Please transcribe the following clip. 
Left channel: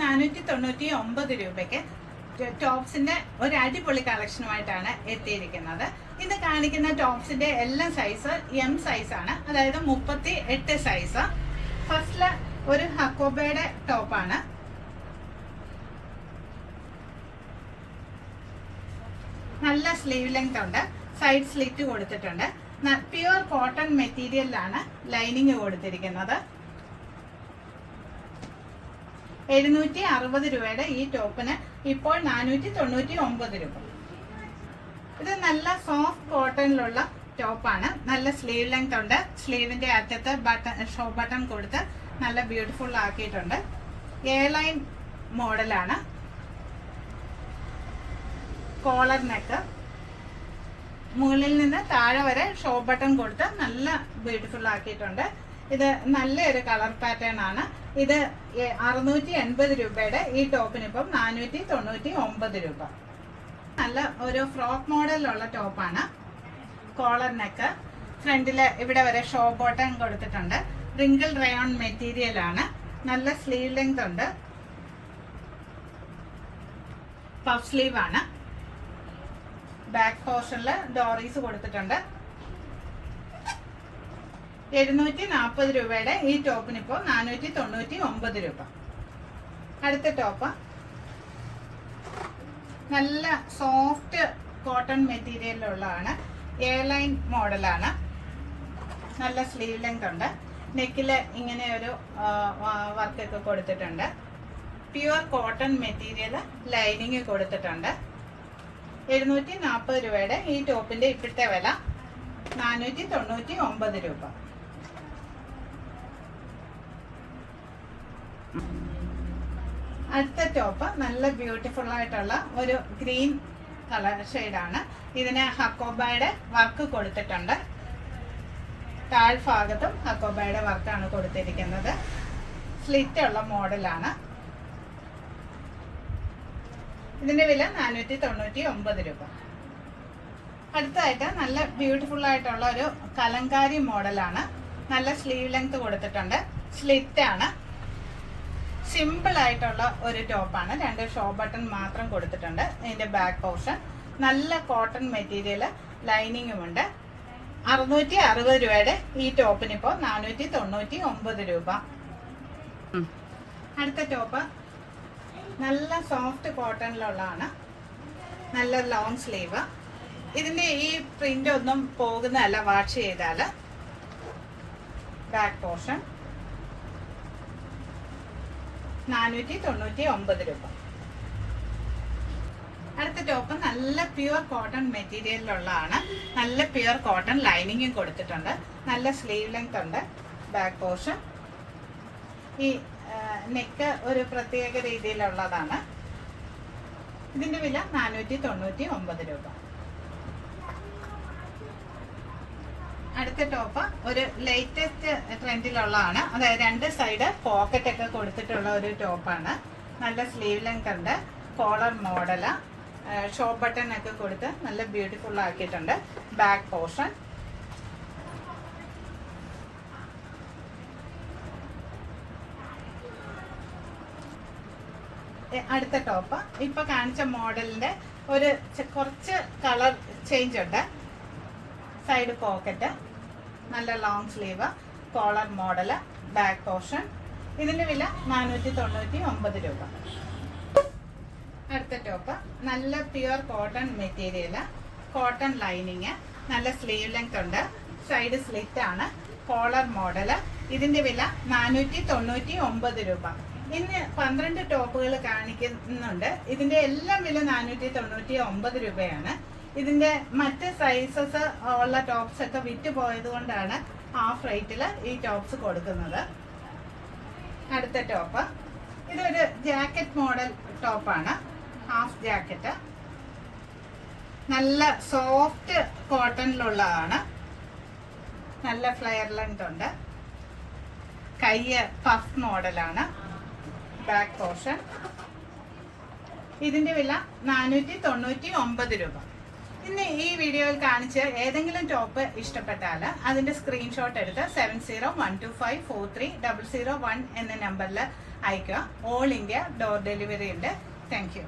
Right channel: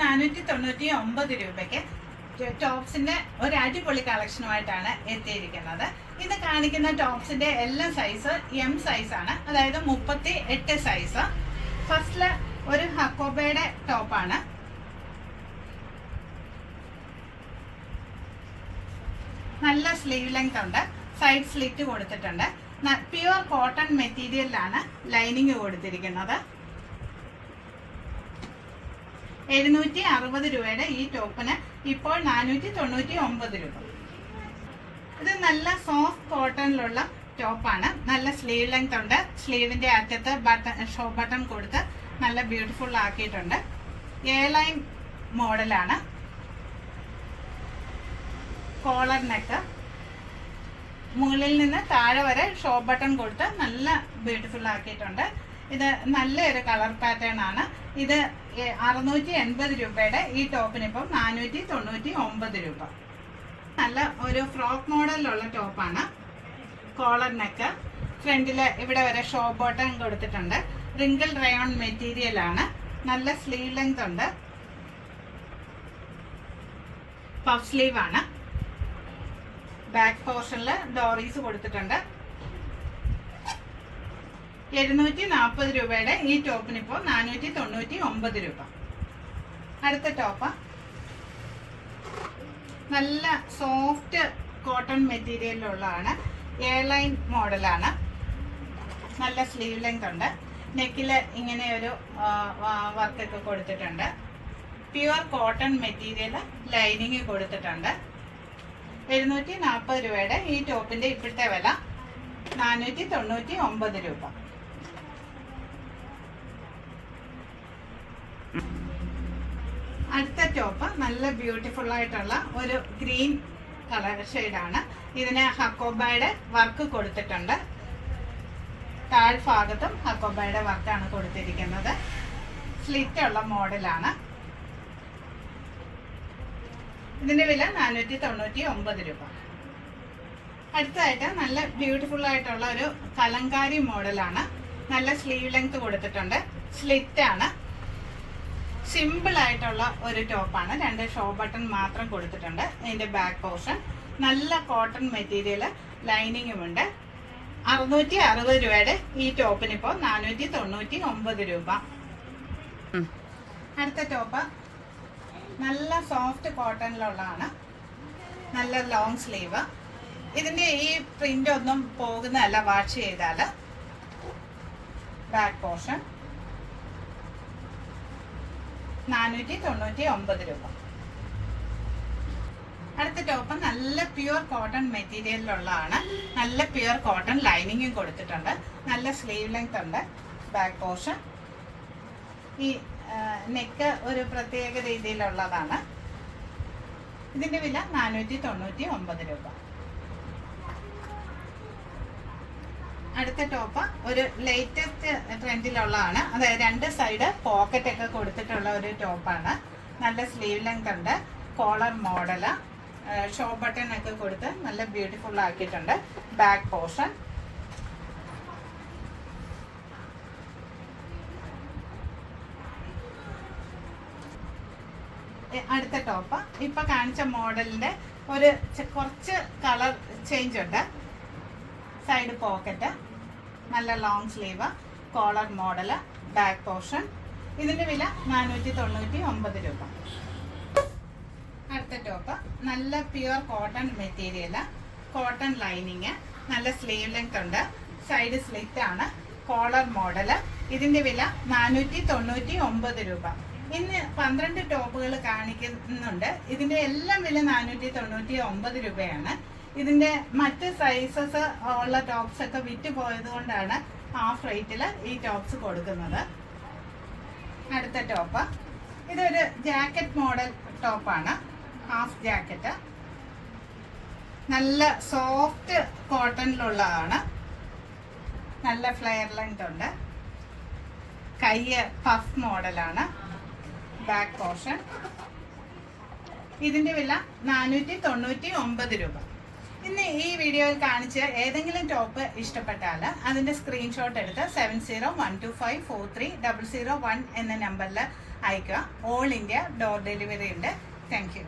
499 രൂപയ്ക്ക് ടോപ്സിന്റെ ഒരു അടിപൊളി കളക്ഷനുമായിട്ടാണ് എത്തിയിരിക്കുന്നത്. ഇന്ന് കാണിക്കുന്ന ടോപ്സിന്റെ എല്ലാ സൈസ് എം സൈസ് ആണ്, അതായത് 38 സൈസ്. ഫസ്റ്റില് ഒരു ഹക്കോബയുടെ ടോപ്പാണ്. നല്ല സ്ലീവ് ലെങ്ത് ഉണ്ട്, സൈഡ് സ്ലിറ്റ് കൊടുത്തിട്ടുണ്ട്. പ്യുവർ കോട്ടൺ മെറ്റീരിയലിലാണ് ലൈനിങ് കൊടുത്തിരിക്കുന്നത്. 760 രൂപയുടെ ഈ ടോപ്പിന് ഇപ്പോൾ 499 രൂപ. ഇത് നല്ല സോഫ്റ്റ് കോട്ടണിലുള്ള ടോപ്പാണ്. നല്ല സ്ലീവ് ലെങ്ത് ഉണ്ട്. സ്ലീവിന്റെ അറ്റത്ത് ഷോ ബട്ടൺ കൊടുത്ത് നല്ല ബ്യൂട്ടിഫുൾ ആക്കിയിട്ടുണ്ട്. എ ലൈൻ മോഡലാണ്. കോളർ നെക്ക്, മുകളിൽ നിന്ന് താഴെ വരെ ഷോ ബട്ടൺ കൊടുത്ത് നല്ല ബ്യൂട്ടിഫുൾ ആക്കിയിട്ടുണ്ട്. ഇത് നല്ലൊരു കളർ പാറ്റേൺ ആണ്. ഇത് 680 രൂപയുടെ ഈ ടോപ്പിന് ഇപ്പം 499 രൂപ. നല്ല ഒരു ഫ്രോക്ക് മോഡലിലുള്ള ടോപ്പാണ്. കോളർ നെക്ക്, ഫ്രണ്ടില് ഇവിടെ വരെ ഷോ ബട്ടൺ കൊടുത്തിട്ടുണ്ട്. റിങ്കിൾ റയോൺ മെറ്റീരിയൽ ആണ്. നല്ല സ്ലീവ് ലെങ്ത് ഉണ്ട്. പഫ് സ്ലീവ് ആണ്. ബാക്ക് പോർഷനിൽ ഡോറീസ് കൊടുത്തിട്ടുണ്ട്. 740 രൂപയുടെ ഈ ടോപ്പിന് ഇപ്പോൾ 499 രൂപ. അടുത്ത ടോപ്പ് നല്ല സോഫ്റ്റ് കോട്ടൺ മെറ്റീരിയലിലുള്ളതാണ്. എ ലൈൻ മോഡലാണ്. നല്ല സ്ലീവ് ലെങ്ത് ഉണ്ട്. നെക്കില് ഇങ്ങനെ ഒരു വർക്കൊക്കെ കൊടുത്തിട്ടുണ്ട്. പ്യുവർ കോട്ടൺ മെറ്റീരിയൽ ലൈനിങ് കൊടുത്തിട്ടുണ്ട്. 740 രൂപയുടെ ഈ ടോപ്പിന്റെ ഇപ്പോഴത്തെ വില 499 രൂപ. അടുത്ത ടോപ്പ് നല്ല ബ്യൂട്ടിഫുൾ ആയിട്ടുള്ള ഒരു ഗ്രീൻ കളർ ഷെയ്ഡാണ്. ഇതിന് ഹക്കോബയുടെ വർക്ക് കൊടുത്തിട്ടുണ്ട്. താഴ്ഭാഗത്തും ഹക്കോബയുടെ വർക്കാണ് കൊടുത്തിരിക്കുന്നത്. സ്ലിറ്റ് ഉള്ള മോഡലാണ്. ഇതിന്റെ വില 499 രൂപ. അടുത്തതായിട്ട് നല്ല ബ്യൂട്ടിഫുൾ ആയിട്ടുള്ള ഒരു കലങ്കാരി മോഡലാണ്. നല്ല സ്ലീവ് ലെങ്ത് കൊടുത്തിട്ടുണ്ട്. സ്ലിറ്റ് ആണ്. സിമ്പിൾ ആയിട്ടുള്ള ഒരു ടോപ്പാണ്. 2 ഷോ ബട്ടൺ മാത്രം കൊടുത്തിട്ടുണ്ട്. ഇതിന്റെ ബാക്ക് പോർഷൻ നല്ല കോട്ടൺ മെറ്റീരിയൽ ലൈനിങ്ങും ഉണ്ട്. 660 രൂപയുടെ ഈ ടോപ്പിന് ഇപ്പോൾ 499 രൂപ. അടുത്ത ടോപ്പ് നല്ല സോഫ്റ്റ് കോട്ടണിലുള്ളതാണ്. നല്ല ലോങ് സ്ലീവ്. ഇതിന്റെ ഈ പ്രിന്റ് ഒന്നും പോകുന്നതല്ല വാഷ് ചെയ്താല്. ബാക്ക് പോർഷൻ 499 രൂപ. അടുത്ത ടോപ്പ് നല്ല പ്യുവർ കോട്ടൺ മെറ്റീരിയലിലുള്ളതാണ്. നല്ല പ്യുവർ കോട്ടൺ ലൈനിങ്ങും കൊടുത്തിട്ടുണ്ട്. നല്ല സ്ലീവ് ലെങ്ത് ഉണ്ട്. ബാക്ക് പോർഷൻ ഈ നെക്ക് ഒരു പ്രത്യേക രീതിയിലുള്ളതാണ്. ഇതിന്റെ വില 499 രൂപ. അടുത്ത ടോപ്പ് ഒരു ലേറ്റസ്റ്റ് ട്രെൻഡിലുള്ളതാണ്. അതായത് 2 സൈഡ് പോക്കറ്റ് ഒക്കെ കൊടുത്തിട്ടുള്ള ഒരു ടോപ്പാണ്. നല്ല സ്ലീവ് ലെങ്ത് ഉണ്ട്. കോളർ മോഡല്, ഷോ ബട്ടൺ ഒക്കെ കൊടുത്ത് നല്ല ബ്യൂട്ടിഫുൾ ആക്കിയിട്ടുണ്ട്. ബാക്ക് പോർഷൻ അടുത്ത ടോപ്പ് ഇപ്പൊ കാണിച്ച മോഡലിന്റെ ഒരു കുറച്ച് കളർ ചേഞ്ച് ഉണ്ട്. സൈഡ് പോക്കറ്റ്, നല്ല long sleeve, collar model, back portion. ഇതിന്റെ വില 499 രൂപ. അടുത്ത ടോപ്പ് നല്ല pure cotton material, cotton lining, നല്ല സ്ലീവ് ലെങ്ത് ഉണ്ട്. സൈഡ് സ്ലിറ്റ് ആണ്. Collar model. ഇതിന്റെ വില 499 രൂപ. ഇന്ന് 12 ടോപ്പുകൾ കാണിക്കുന്നുണ്ട്. ഇതിന്റെ എല്ലാം വില 499 രൂപയാണ്. ഇതിന്റെ മറ്റ് സൈസസ് ഉള്ള ടോപ്സ് ഒക്കെ വിറ്റ് പോയത് കൊണ്ടാണ് ഹാഫ് റേറ്റിൽ ഈ ടോപ്സ് കൊടുക്കുന്നത്. അടുത്ത ടോപ്പ് ഇതൊരു ജാക്കറ്റ് മോഡൽ ടോപ്പാണ്. Half jacket. നല്ല സോഫ്റ്റ് കോട്ടണിലുള്ളതാണ്. നല്ല ഫ്ലെയർ ലെങ്ത് ഉണ്ട്. കൈ പഫ് മോഡലാണ്. Back portion. ഇതിന്റെ വില 499 രൂപ. ഇന്ന് ഈ വീഡിയോയിൽ കാണിച്ച ഏതെങ്കിലും ടോപ്പ് ഇഷ്ടപ്പെട്ടാൽ അതിന്റെ സ്ക്രീൻഷോട്ട് എടുത്ത് 7012543001 എന്ന നമ്പറിൽ അയക്കുക. ഓൾ ഇന്ത്യ ഡോർ ഡെലിവറി ഉണ്ട്. Thank you.